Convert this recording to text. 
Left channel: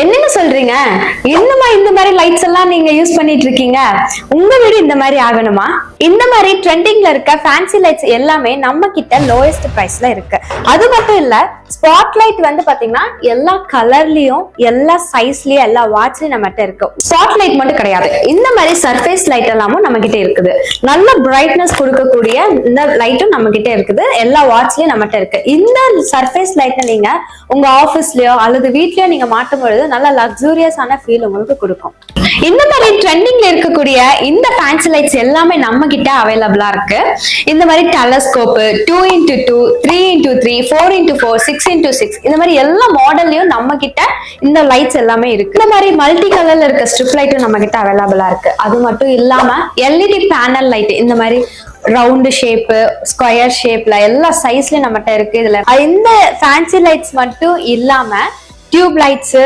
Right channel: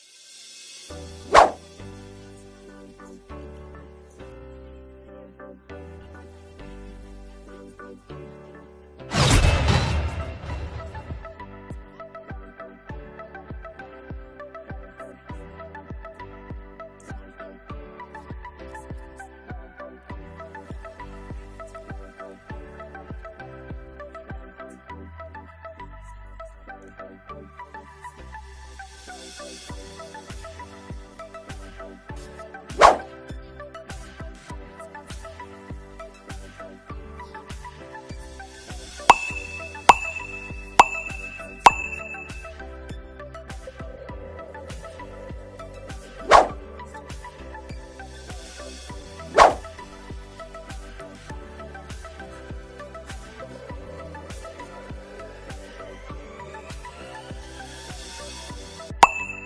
என்னங்க சொல்றீங்க? இந்த மாதிரி லைட்ஸ் எல்லாம் நீங்க யூஸ் பண்ணிட்டு இருக்கீங்க? உங்க வீடு இந்த மாதிரி ஆகணுமா? இந்த மாதிரி ட்ரெண்டிங்ல இருக்க ஃபேன்சி லைட்ஸ் எல்லாமே நம்ம கிட்ட லோயஸ்ட் பிரைஸ்ல இருக்கு. அது மட்டும் இல்ல, ஸ்பாட் லைட் வந்து பாத்தீங்கன்னா எல்லா கலர்லயும், எல்லா சைஸ்லயும், எல்லா வாட்ச்லயும் நம்மகிட்ட இருக்கு. ஸ்பாட் லைட் மட்டும் கிடையாது, இந்த மாதிரி சர்ஃபேஸ் லைட் எல்லாமும் நம்ம கிட்ட இருக்குது. நல்ல பிரைட்னஸ் கொடுக்கக்கூடிய இந்த லைட்டும் நம்ம கிட்ட இருக்குது. எல்லா வாட்ச்லயும் நம்மகிட்ட இருக்கு. இந்த சர்ஃபேஸ் லைட் நீங்க உங்க ஆபீஸ்லயோ அல்லது வீட்லயோ நீங்க மாட்டும் பொழுது நல்ல லக்ஸூரியஸான ஃபீல் உங்களுக்கு கொடுக்கும். இந்த மாதிரி ட்ரெண்டிங்ல இருக்கக்கூடிய இந்த ஃபேன்சி லைட்ஸ் எல்லாமே நம்ம கிட்ட அவைலபிளா இருக்கு. இந்த மாதிரி telescope 2x2, 3x3, 4x4, 6x6 இந்த மாதிரி எல்லா மாடல்லயும் நம்ம கிட்ட இந்த லைட்ஸ் எல்லாமே இருக்கு. இந்த மாதிரி மல்டி கலர்ல இருக்க ஸ்ட்ரிப் லைட்டும் நம்ம கிட்ட அவைலபிளா இருக்கு. அது மட்டும் இல்லாம எல்இடி பேனல் லைட், இந்த மாதிரி ரவுண்ட் ஷேப், ஸ்கொயர் ஷேப்ல எல்லா சைஸ்லயும் நம்மகிட்ட இருக்கு. இதுல இந்த ஃபேன்சி லைட்ஸ் மட்டும் இல்லாம டியூப் லைட்ஸ்,